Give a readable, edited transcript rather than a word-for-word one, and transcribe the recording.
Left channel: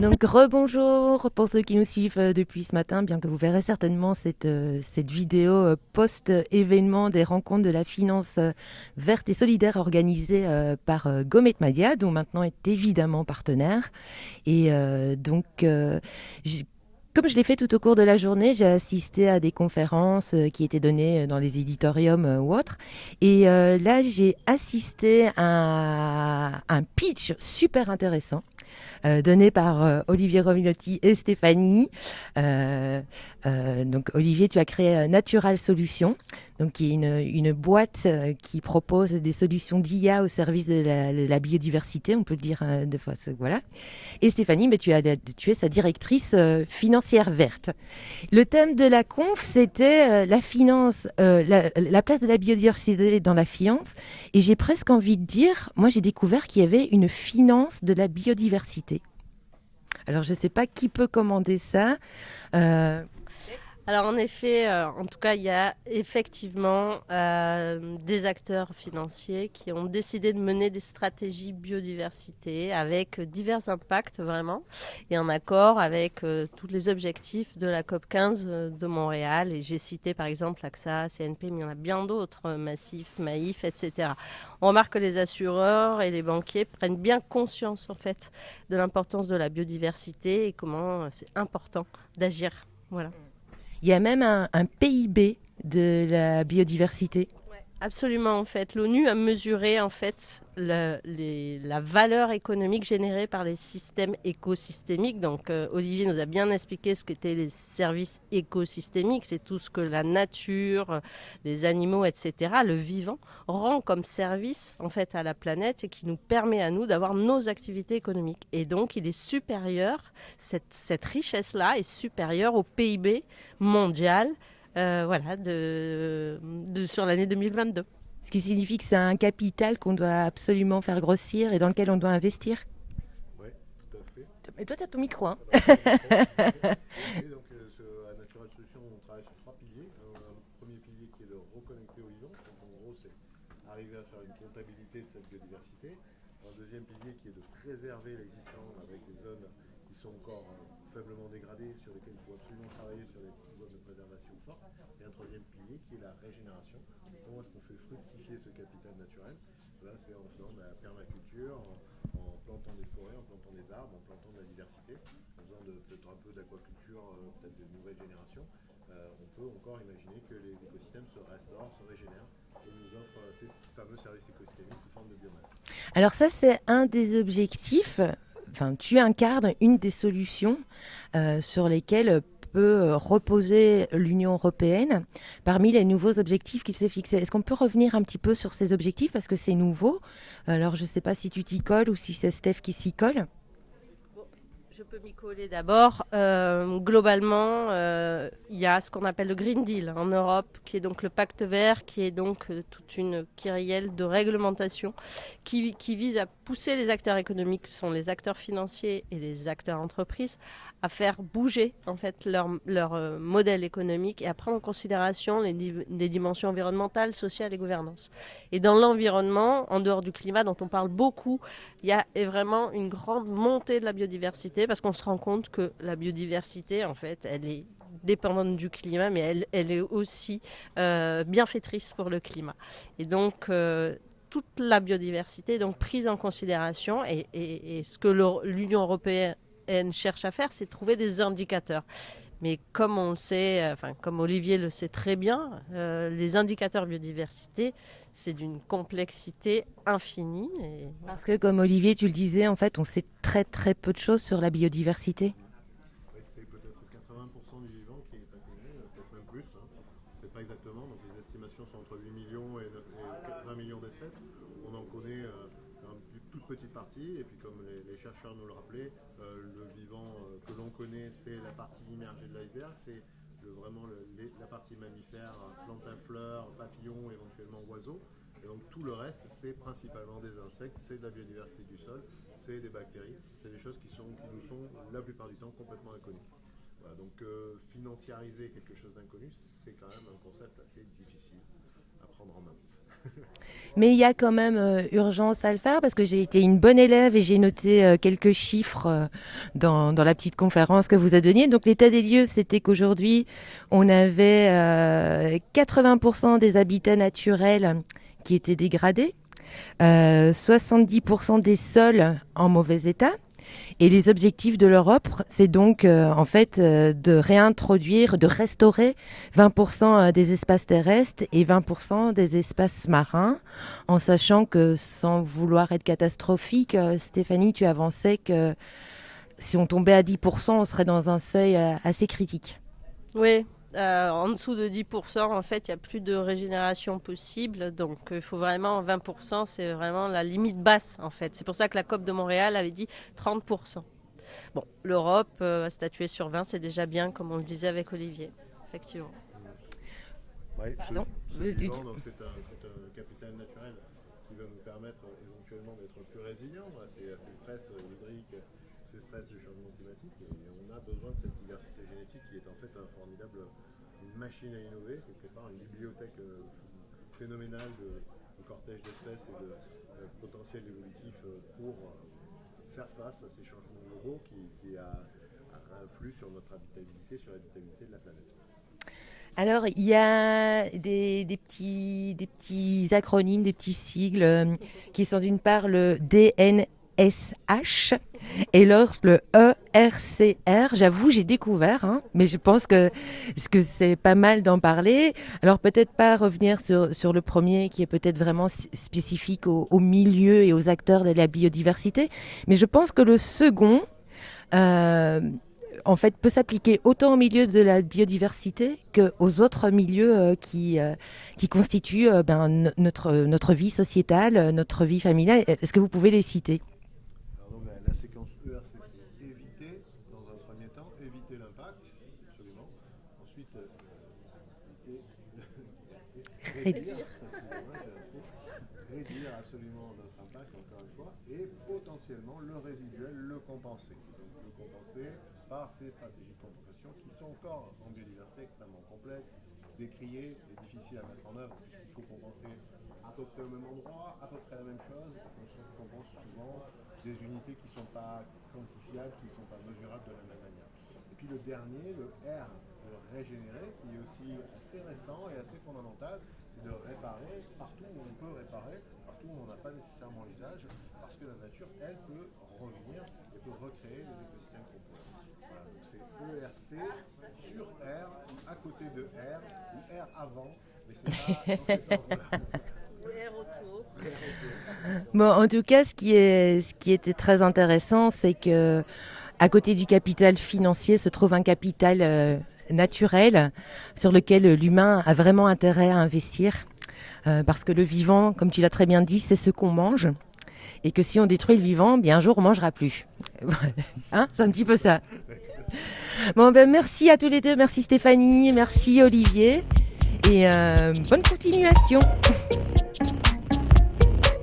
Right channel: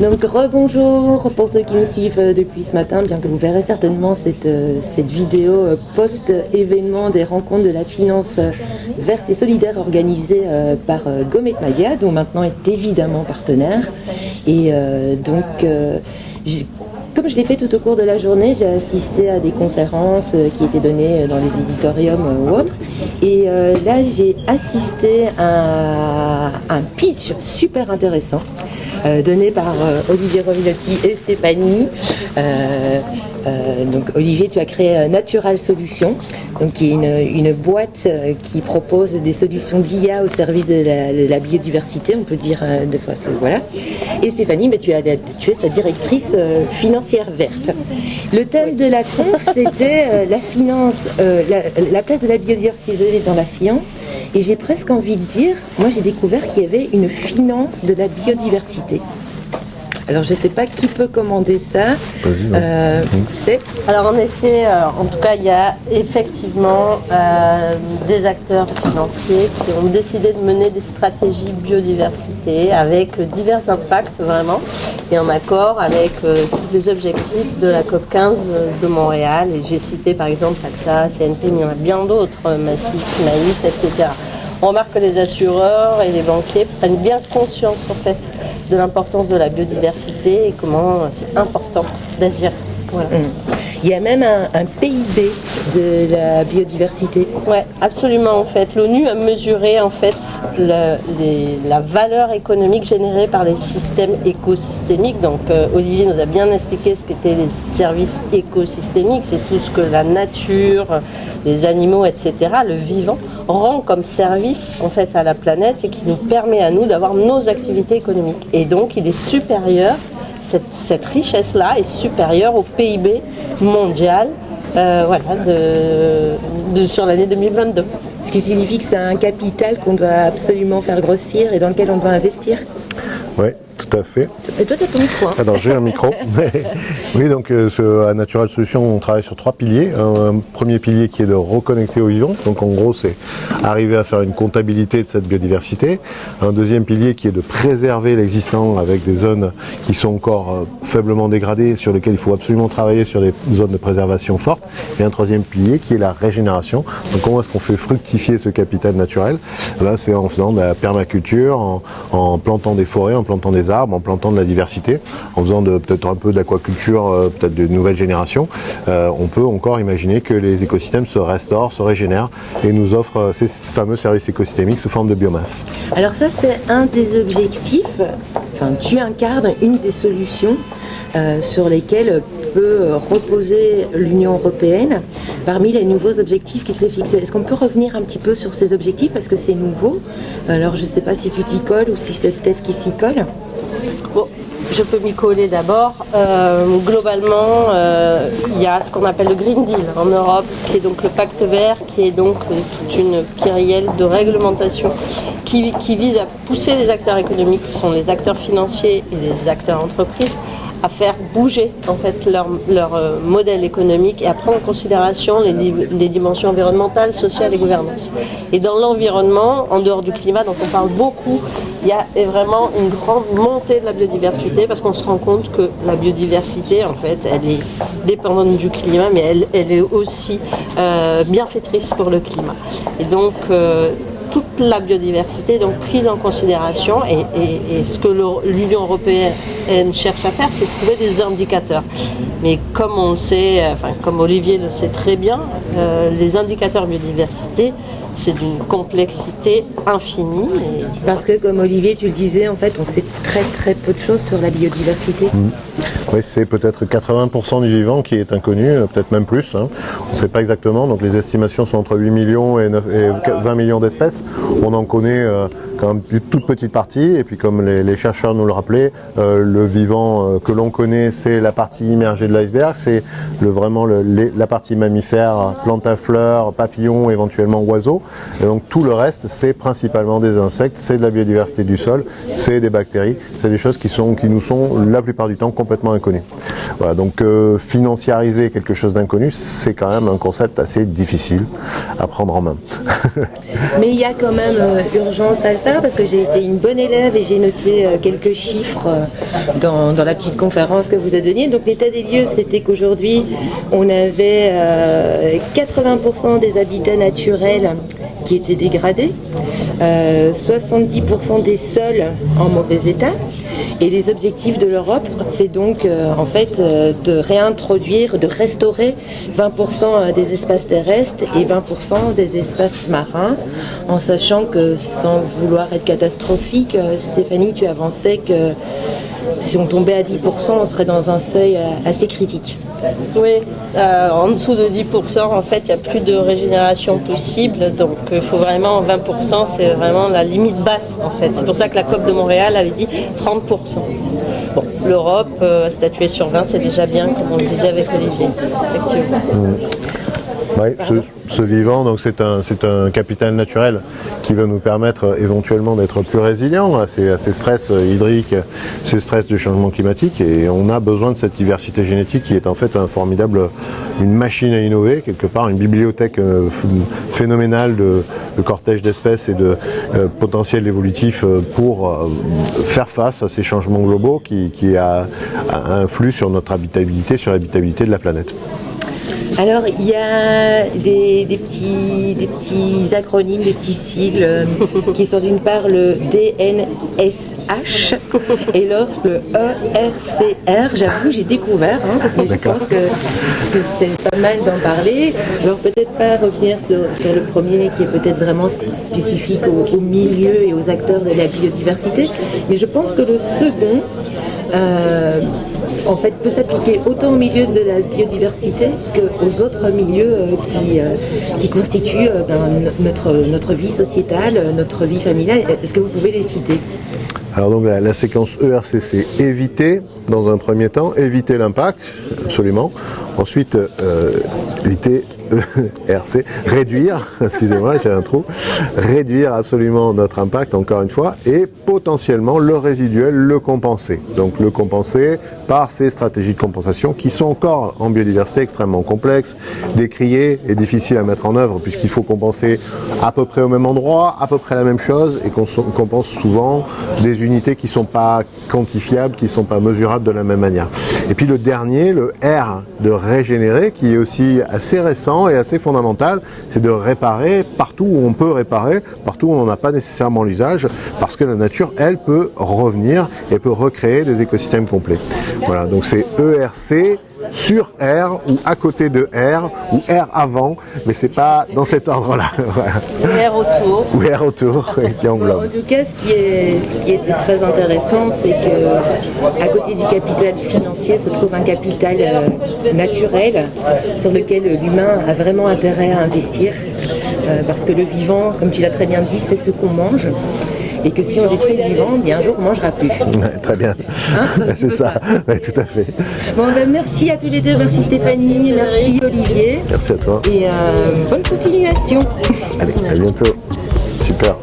Donc rebonjour pour ceux qui nous suivent depuis ce matin, bien que vous verrez certainement cette vidéo post-événement des rencontres de la finance verte et solidaire organisée par Gomet Maya, dont maintenant est évidemment partenaire. Et comme je l'ai fait tout au cours de la journée, j'ai assisté à des conférences qui étaient données dans les éditoriums ou autres. Et là, j'ai assisté à un pitch super intéressant donné par Olivier Rovinetti et Stéphanie. Donc Olivier, tu as créé Natural Solutions, donc qui est une boîte qui propose des solutions d'IA au service de la biodiversité, on peut dire de fois, voilà. Et Stéphanie, mais tu es sa directrice financière verte. Le thème de la conf, c'était la finance, la place de la biodiversité dans la finance. Et j'ai presque envie de dire, moi j'ai découvert qu'il y avait une finance de la biodiversité. Alors je ne sais pas qui peut commander ça. Alors en effet, en tout cas, il y a effectivement des acteurs financiers qui ont décidé de mener des stratégies biodiversité avec divers impacts vraiment, et en accord avec tous les objectifs de la COP15 de Montréal. Et j'ai cité par exemple AXA, CNP, mais il y en a bien d'autres, Massif, Maïf, etc. On remarque que les assureurs et les banquiers prennent bien conscience en fait de l'importance de la biodiversité et comment c'est important d'agir. Voilà. Il y a même un PIB de la biodiversité. Oui, absolument. En fait, l'ONU a mesuré en fait la valeur économique générée par les systèmes écosystémiques. Donc, Olivier nous a bien expliqué ce qu'étaient les services écosystémiques. C'est tout ce que la nature, les animaux, etc., le vivant, rend comme service en fait à la planète et qui nous permet à nous d'avoir nos activités économiques. Et donc, il est supérieur. Cette richesse-là est supérieure au PIB mondial sur l'année 2022. Ce qui signifie que c'est un capital qu'on doit absolument faire grossir et dans lequel on doit investir. Oui, tout à fait. Et toi, tu as ton micro. Alors, j'ai un micro. Oui, donc à Natural Solutions, on travaille sur 3 piliers. Un premier pilier qui est de reconnecter au vivant. Donc en gros, c'est arriver à faire une comptabilité de cette biodiversité. Un deuxième pilier qui est de préserver l'existant avec des zones qui sont encore faiblement dégradées, sur lesquelles il faut absolument travailler sur des zones de préservation fortes. Et un troisième pilier qui est la régénération. Donc comment est-ce qu'on fait fructifier ce capital naturel? Là, c'est en faisant de la permaculture, en plantant des forêts, en plantant des arbres, en plantant de la diversité, en faisant peut-être un peu d'aquaculture, peut-être de nouvelles générations. On peut encore imaginer que les écosystèmes se restaurent, se régénèrent et nous offrent ces fameux services écosystémiques sous forme de biomasse. Alors ça, c'est un des objectifs, enfin tu incarnes une des solutions sur lesquelles peut reposer l'Union européenne parmi les nouveaux objectifs qui s'est fixés. Est-ce qu'on peut revenir un petit peu sur ces objectifs parce que c'est nouveau? Alors je ne sais pas si tu t'y colles ou si c'est Steph qui s'y colle. Bon, je peux m'y coller d'abord. Globalement, il y a ce qu'on appelle le Green Deal en Europe, qui est donc le pacte vert, qui est donc toute une kyrielle de réglementation qui vise à pousser les acteurs économiques, qui sont les acteurs financiers et les acteurs entreprises, à faire bouger en fait leur modèle économique et à prendre en considération les dimensions environnementales, sociales et gouvernance. Et dans l'environnement, en dehors du climat dont on parle beaucoup, il y a vraiment une grande montée de la biodiversité parce qu'on se rend compte que la biodiversité en fait elle est dépendante du climat mais elle est aussi bienfaitrice pour le climat. Et donc toute la biodiversité est donc prise en considération et ce que l'Union européenne cherche à faire, c'est trouver des indicateurs. Mais comme on le sait, comme Olivier le sait très bien, les indicateurs biodiversité, c'est d'une complexité infinie. Parce que comme Olivier, tu le disais, en fait, on sait très très peu de choses sur la biodiversité. Oui, c'est peut-être 80% du vivant qui est inconnu, peut-être même plus. On ne sait pas exactement, donc les estimations sont entre 8 millions et 20 millions d'espèces. On en connaît quand même une toute petite partie, et puis comme les chercheurs nous le rappelaient, le vivant que l'on connaît, c'est la partie immergée de l'iceberg, c'est vraiment la partie mammifère, plantes à fleurs, papillons, éventuellement oiseaux. Et donc tout le reste, c'est principalement des insectes, c'est de la biodiversité du sol, c'est des bactéries, c'est des choses qui nous sont la plupart du temps complètement inconnu. Voilà, donc financiariser quelque chose d'inconnu, c'est quand même un concept assez difficile à prendre en main. Mais il y a quand même urgence à le faire parce que j'ai été une bonne élève et j'ai noté quelques chiffres dans la petite conférence que vous avez donnée. Donc l'état des lieux, c'était qu'aujourd'hui, on avait 80% des habitats naturels qui étaient dégradés, 70% des sols en mauvais état. Et les objectifs de l'Europe, c'est donc en fait de réintroduire, de restaurer 20% des espaces terrestres et 20% des espaces marins, en sachant que, sans vouloir être catastrophique, Stéphanie, tu avançais que si on tombait à 10%, on serait dans un seuil assez critique. Oui, en dessous de 10%, en fait, il n'y a plus de régénération possible. Donc, il faut vraiment 20%, c'est vraiment la limite basse, en fait. C'est pour ça que la COP de Montréal avait dit 30%. Bon, l'Europe, statuer sur 20, c'est déjà bien, comme on le disait avec Olivier, effectivement. Oui, ce vivant, donc c'est un capital naturel qui va nous permettre éventuellement d'être plus résilients à ces stress hydriques, ces stress du changement climatique, et on a besoin de cette diversité génétique qui est en fait une machine à innover, quelque part une bibliothèque phénoménale de cortège d'espèces et de potentiel évolutif pour faire face à ces changements globaux qui influent sur notre habitabilité, sur l'habitabilité de la planète. Alors, il y a des petits acronymes, des petits sigles qui sont d'une part le DNSH et l'autre le ERCR. J'avoue, j'ai découvert, mais je pense que c'est pas mal d'en parler. Alors, peut-être pas revenir sur le premier qui est peut-être vraiment spécifique au milieu et aux acteurs de la biodiversité, mais je pense que le second en fait, peut s'appliquer autant au milieu de la biodiversité qu'aux autres milieux qui constituent notre vie sociétale, notre vie familiale. Est-ce que vous pouvez les citer ? Alors donc la séquence ERC, c'est éviter dans un premier temps, éviter l'impact, absolument. Ensuite, éviter ERC, réduire, excusez-moi, j'ai un trou, réduire absolument notre impact, encore une fois, et potentiellement le résiduel, le compenser. Donc le compenser par ces stratégies de compensation qui sont encore en biodiversité extrêmement complexes, décriées et difficiles à mettre en œuvre puisqu'il faut compenser à peu près au même endroit, à peu près la même chose et qu'on compense souvent des unités qui ne sont pas quantifiables, qui ne sont pas mesurables de la même manière. Et puis le dernier, le R de régénérer, qui est aussi assez récent et assez fondamental, c'est de réparer partout où on peut réparer, partout où on n'en a pas nécessairement l'usage, parce que la nature, elle, peut revenir et peut recréer des écosystèmes complets. Voilà, donc c'est ERC sur R ou à côté de R ou R avant, mais c'est pas dans cet ordre-là. Voilà. R autour. Ou R autour, qui englobe. En tout cas, ce qui était très intéressant, c'est que à côté du capital financier se trouve un capital naturel sur lequel l'humain a vraiment intérêt à investir, parce que le vivant, comme tu l'as très bien dit, c'est ce qu'on mange. Et que si on détruit le vivant, bien un jour on ne mangera plus. Ouais, très bien. C'est ça. Ouais, tout à fait. Bon, merci à tous les deux, merci Stéphanie, merci Olivier. Merci à toi. Et bonne continuation. Allez, à bientôt. Super.